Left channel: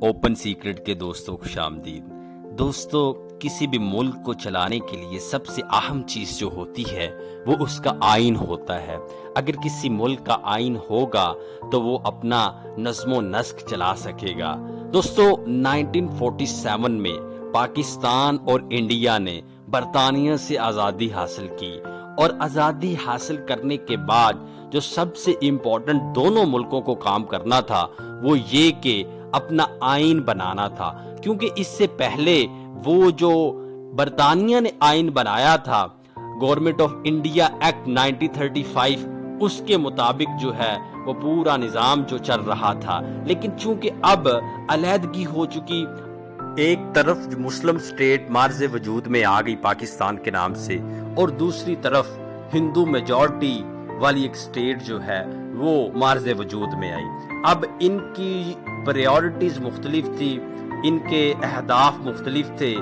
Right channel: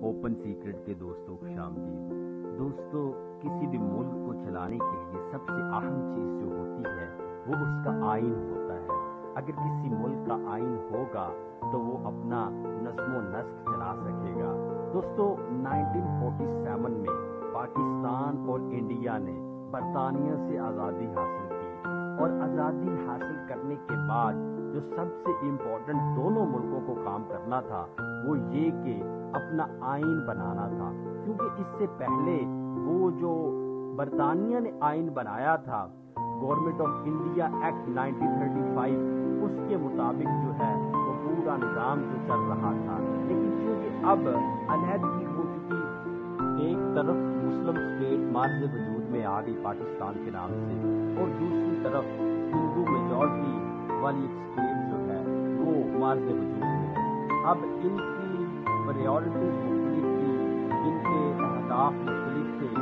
Open secret के दोस्तों खुशामदीद। दोस्तों, किसी भी मुल्क को चलाने के लिए सबसे अहम चीज़ जो होती है वो उसका आइन होता है। अगर किसी मुल्क का आइन होगा तो वो अपना नज़्मो नस्क चला सकेगा। दोस्तों, 1947 में पाकिस्तान और इंडिया ने बरतानिया से आज़ादी हासिल की और आज़ादी हासिल करने के बाद जो सबसे इम्पोर्टेंट दोनों मुल्कों को काम करना था वो ये कि अपना आइन बनाना था, क्योंकि इससे पहले वो जो बरतानिया ने आइन बनाया था गवर्नमेंट ऑफ इंडिया एक्ट 1935, उसके मुताबिक जो है वो पूरा निज़ाम जो चल रहा था। लेकिन चूंकि अब अलहदगी हो चुकी, एक तरफ मुस्लिम स्टेट मार्ज़े वजूद में आ गई पाकिस्तान के नाम से और दूसरी तरफ हिंदू मेजॉरिटी वाली एक स्टेट जो है वो मार्ज़े वजूद में आई। अब इनकी प्रायोरिटीज मुख्तलिफ थी, इनके अहदाफ मुख्तलिफ थे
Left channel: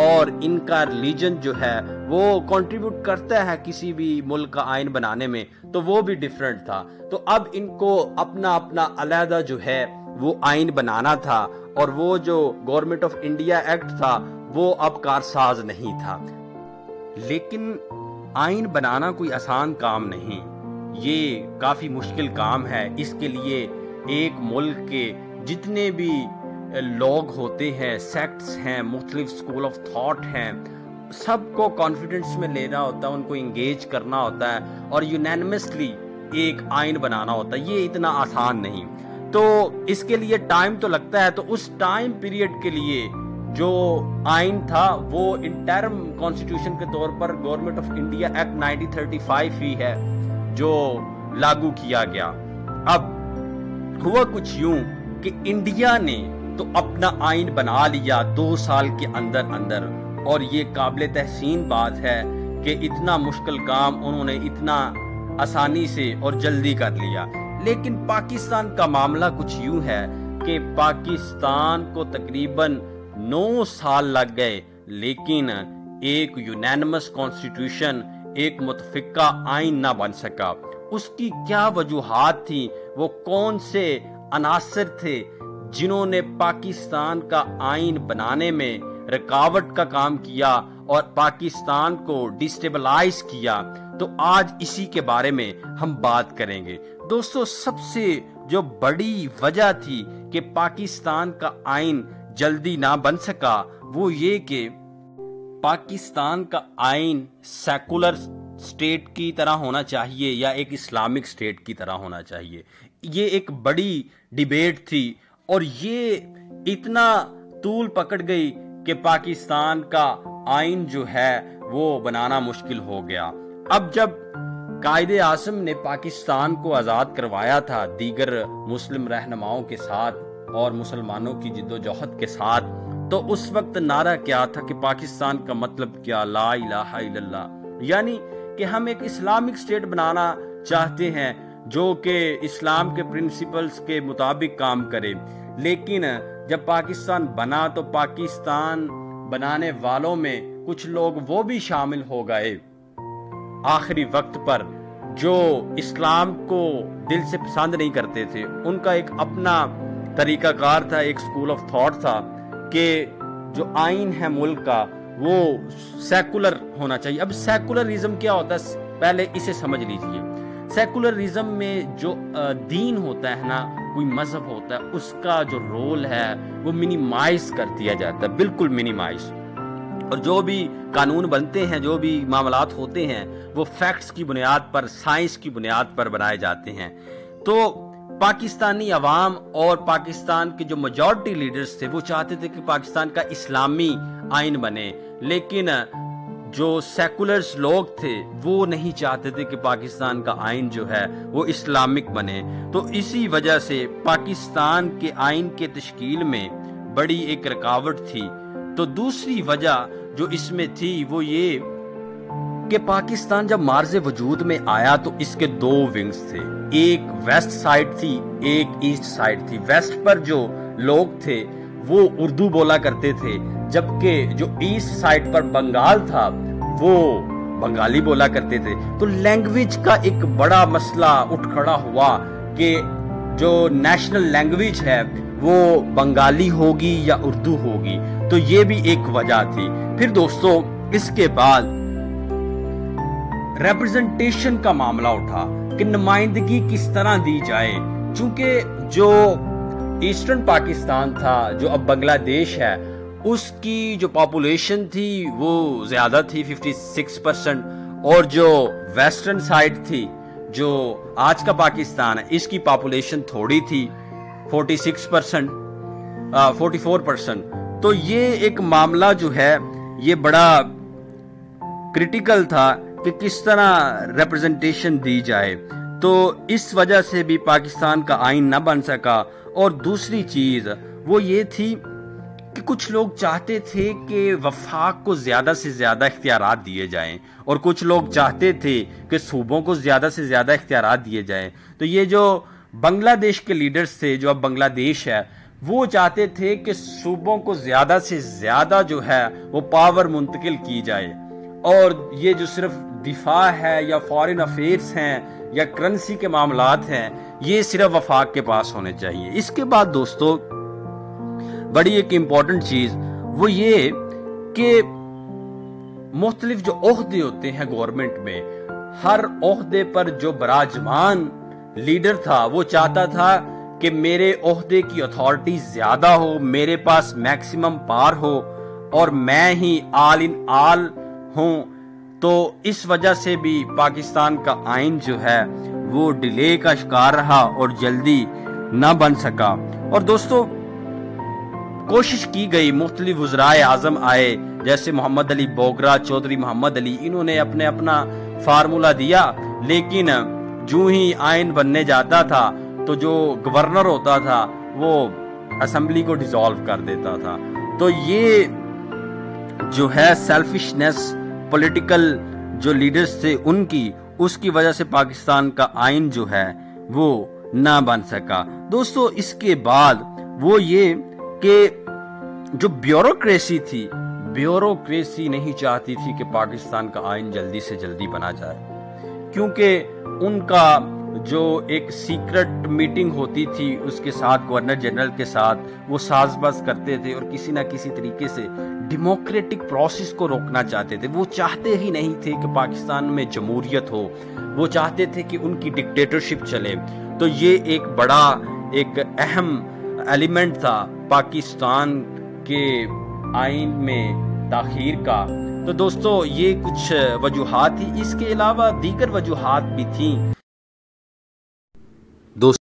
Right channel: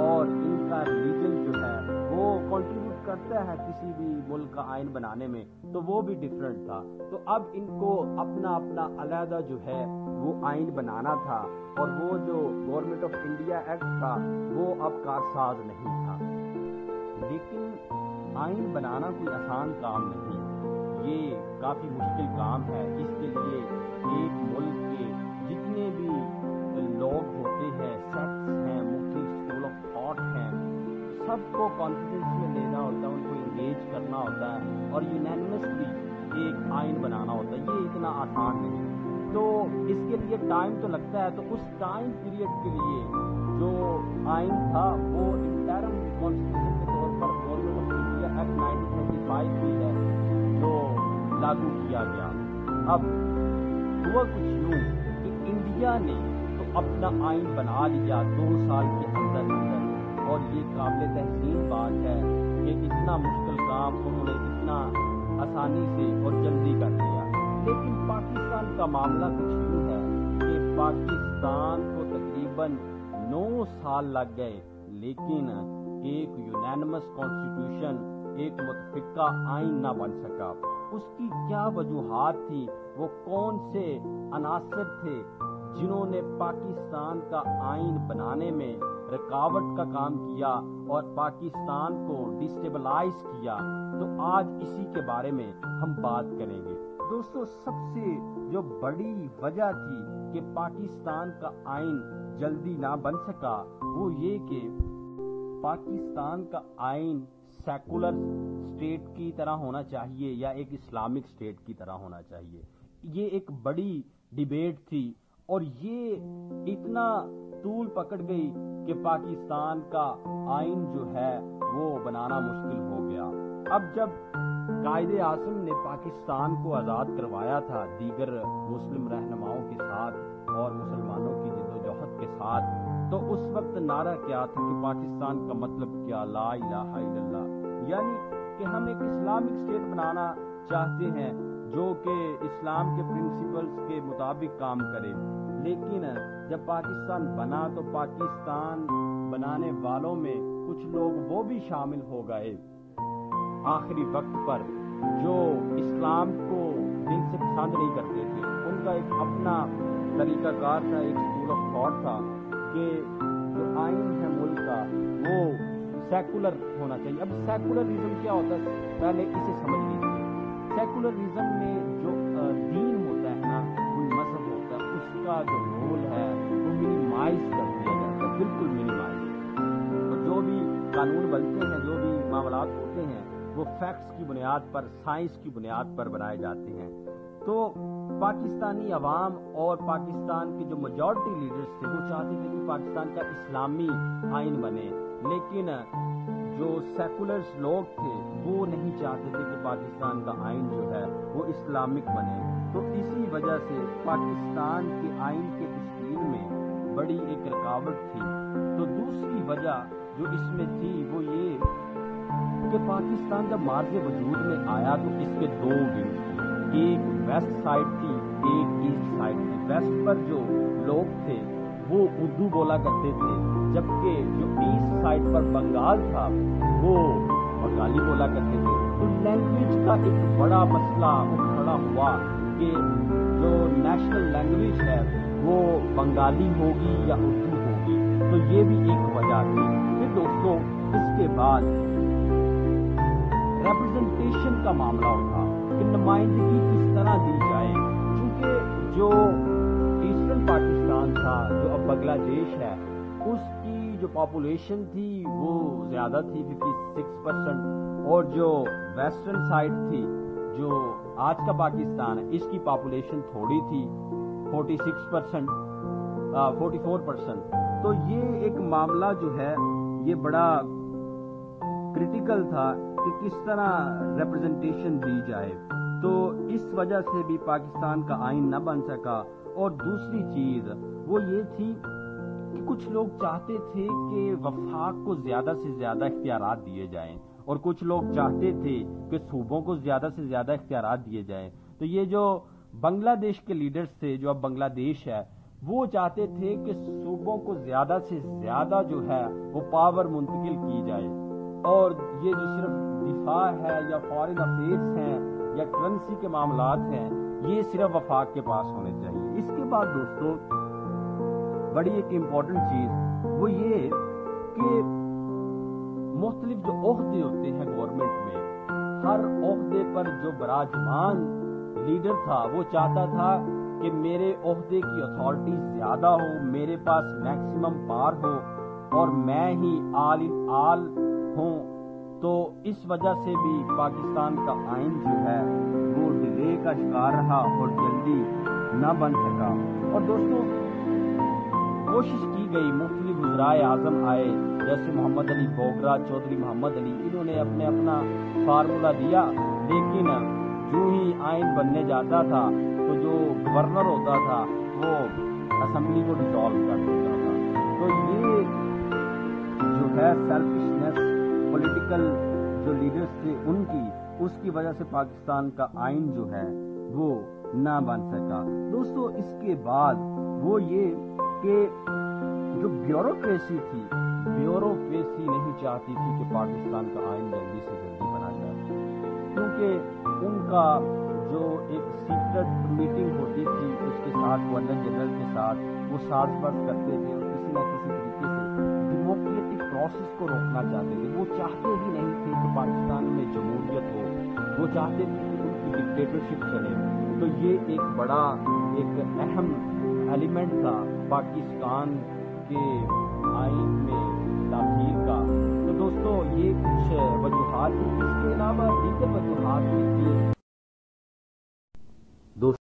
और इनका रिलीजन जो है वो कंट्रीब्यूट करता है किसी भी मुल्क का आइन बनाने में, तो वो भी डिफरेंट था। तो अब इनको अपना अपना अलहदा जो है वो आइन बनाना था और वो जो गवर्नमेंट ऑफ इंडिया एक्ट था वो अब कारसाज नहीं था। लेकिन आइन बनाना कोई आसान काम नहीं, ये काफ़ी मुश्किल काम है। इसके लिए एक मुल्क के जितने भी लोग होते हैं, सेक्ट्स हैं, मुख्तलिफ स्कूल ऑफ थॉट हैं, सबको कॉन्फिडेंस में लेना होता है, उनको इंगेज करना होता है और यूनैनिमसली एक आइन बनाना होता है। ये इतना आसान नहीं, तो इसके लिए टाइम तो लगता है। तो उस टाइम पीरियड के लिए जो आइन था वो इंटरम कॉन्स्टिट्यूशन के तौर पर गवर्नमेंट ऑफ इंडिया एक्ट 1935 ही है जो लागू किया गया। अब हुआ कुछ यूं कि इंडिया ने तो अपना आइन बना लिया 2 साल के अंदर अंदर, और ये काबिल तहसीन बात है कि इतना मुश्किल काम उन्होंने इतना आसानी से और जल्दी कर लिया। लेकिन पाकिस्तान का मामला कुछ यूं है कि पाकिस्तान को तकरीबन 9 साल लग गए, लेकिन एक यूनैनिमस कॉन्स्टिट्यूशन, एक मुतफिका आइन ना बन सका। उसकी क्या वजूहात थी, वो कौन से अनासर थे जिन्होंने पाकिस्तान का आइन बनाने में रुकावट का काम किया और पाकिस्तान को डिस्टेबलाइज किया, तो आज इसी के बारे में हम बात करेंगे। दोस्तों, सबसे जो बड़ी वजह थी कि पाकिस्तान का आइन जल्दी ना बन सका वो ये कि पाकिस्तान का आइन सेकुलर स्टेट की तरह होना चाहिए या एक इस्लामिक स्टेट की तरह होना चाहिए। ये एक बड़ी डिबेट थी और ये इतना तूल पकड़ गई कि पाकिस्तान का आइन जो है वो बनाना मुश्किल हो गया। अब जब कायदे आज़म ने पाकिस्तान को आज़ाद करवाया था दीगर मुस्लिम रहनुमाओं के साथ और मुसलमानों की जिद्दोजहद के साथ, तो उस वक्त नारा क्या था कि पाकिस्तान का मतलब क्या, ला इलाहा इल्लल्लाह, यानी कि हम एक इस्लामिक स्टेट बनाना चाहते हैं जो कि इस्लाम के प्रिंसिपल्स के मुताबिक काम करे। लेकिन जब पाकिस्तान बना तो पाकिस्तान बनाने वालों में कुछ लोग वो भी शामिल हो गए आखिरी वक्त पर जो इस्लाम को दिल से पसंद नहीं करते थे। उनका एक अपना तरीकाकार था, एक स्कूल ऑफ थॉट था कि जो आइन है मुल्क का वो सेकुलर होना चाहिए। अब सेकुलरिज्म क्या होता है, पहले इसे समझ लीजिए। सेकुलरिज्म में जो दीन होता है ना, कोई मजहब होता है, उसका जो रोल है वो मिनिमाइज कर दिया जाता है, बिल्कुल मिनिमाइज। और जो भी कानून बनते हैं, जो भी मामलात होते हैं, वो फैक्ट्स की बुनियाद पर, साइंस की बुनियाद पर बनाए जाते हैं। तो पाकिस्तानी अवाम और पाकिस्तान के जो मेजॉरिटी लीडर्स थे वो चाहते थे कि पाकिस्तान का इस्लामी आइन बने, लेकिन जो सेकुलर्स लोग थे वो नहीं चाहते थे कि पाकिस्तान का आइन जो है वो इस्लामिक बने। तो इसी वजह से पाकिस्तान के आइन के तश्कील में बड़ी एक रुकावट थी। तो दूसरी वजह जो इसमें थी वो ये कि पाकिस्तान जब मार्ज़े वजूद में आया तो इसके 2 विंग्स थे, एक वेस्ट साइड थी, एक ईस्ट साइड थी। वेस्ट पर जो लोग थे वो उर्दू बोला करते थे, जबकि जो ईस्ट साइड पर बंगाल था वो बंगाली बोला करते थे। तो लैंग्वेज का एक बड़ा मसला उठ खड़ा हुआ कि جو نیشنل لینگویج ہے وہ بنگالی ہوگی یا اردو ہوگی، تو یہ بھی ایک وجہ تھی۔ پھر دوستو اس کے بعد ریپرزنٹیشن کا معاملہ اٹھا کہ نمائندگی کس طرح دی جائے، چونکہ جو ایسٹرن پاکستان تھا، جو اب بنگلہ دیش ہے، اس کی جو پاپولیشن تھی وہ زیادہ تھی 56%، اور جو ویسٹرن سائڈ تھی جو آج کا پاکستان ہے، اس کی پاپولیشن تھوڑی تھی 44%۔ تو یہ ایک معاملہ جو ہے یہ بڑا کرٹیکل تھا کہ کس طرح ریپرزنٹیشن دی جائے، تو اس وجہ سے بھی پاکستان کا آئین نہ بن سکا۔ اور دوسری چیز وہ یہ تھی کہ کچھ لوگ چاہتے تھے کہ وفاق کو زیادہ سے زیادہ اختیارات دیے جائیں، اور کچھ لوگ چاہتے تھے کہ صوبوں کو زیادہ سے زیادہ اختیارات دیے جائیں۔ تو یہ جو بنگلہ دیش کے لیڈرز تھے، جو اب بنگلہ دیش ہے، وہ چاہتے تھے کہ صوبوں کو زیادہ سے زیادہ جو ہے وہ پاور منتقل کی جائے، اور یہ جو صرف دفاع ہے یا فارن افیئرز ہیں یا کرنسی کے معاملات ہیں، یہ صرف وفاق کے پاس ہونے چاہیے۔ اس کے بعد دوستو بڑی ایک امپورٹنٹ چیز وہ یہ کہ مختلف جو عہدے ہوتے ہیں گورنمنٹ میں، ہر عہدے پر جو براجمان لیڈر تھا وہ چاہتا تھا کہ میرے عہدے کی اتھارٹی زیادہ ہو، میرے پاس میکسیمم پار ہو، اور میں ہی آل ان آل ہوں۔ تو اس وجہ سے بھی پاکستان کا آئین جو ہے وہ ڈیلے کا شکار رہا اور جلدی نہ بن سکا۔ اور دوستو کوشش کی گئی، مختلف وزرائے اعظم آئے، جیسے محمد علی بوگرا، چودھری محمد علی، انہوں نے اپنا فارمولا دیا، لیکن جو ہی آئین بننے جاتا تھا تو جو گورنر ہوتا تھا وہ اسمبلی کو ڈیزالو کر دیتا تھا۔ تو یہ جو ہے سیلفشنس پولیٹیکل جو لیڈرز تھے ان کی، اس کی وجہ سے پاکستان کا آئین جو ہے وہ نہ بن سکا۔ دوستو اس کے بعد وہ یہ کہ جو بیوروکریسی تھی، بیوروکریسی نہیں چاہتی تھی کہ پاکستان کا آئین جلدی سے جلدی بنا جائے، کیونکہ ان کا جو ایک سیکرٹ میٹنگ ہوتی تھی اس کے ساتھ گورنر جنرل کے ساتھ، وہ ساز باز کرتے تھے اور کسی نہ کسی طریقے سے ڈیموکریٹک پروسیس کو روکنا چاہتے تھے۔ وہ چاہتے ہی نہیں تھے کہ پاکستان میں جمہوریت ہو، وہ چاہتے تھے کہ ان کی ڈکٹیٹرشپ چلے۔ تو یہ ایک بڑا ایک اہم ایلیمنٹ تھا پاکستان کے آئین میں تاخیر کا۔ تو دوستو یہ کچھ وجوہات تھی، اس کے علاوہ دیگر وجوہات بھی تھیں۔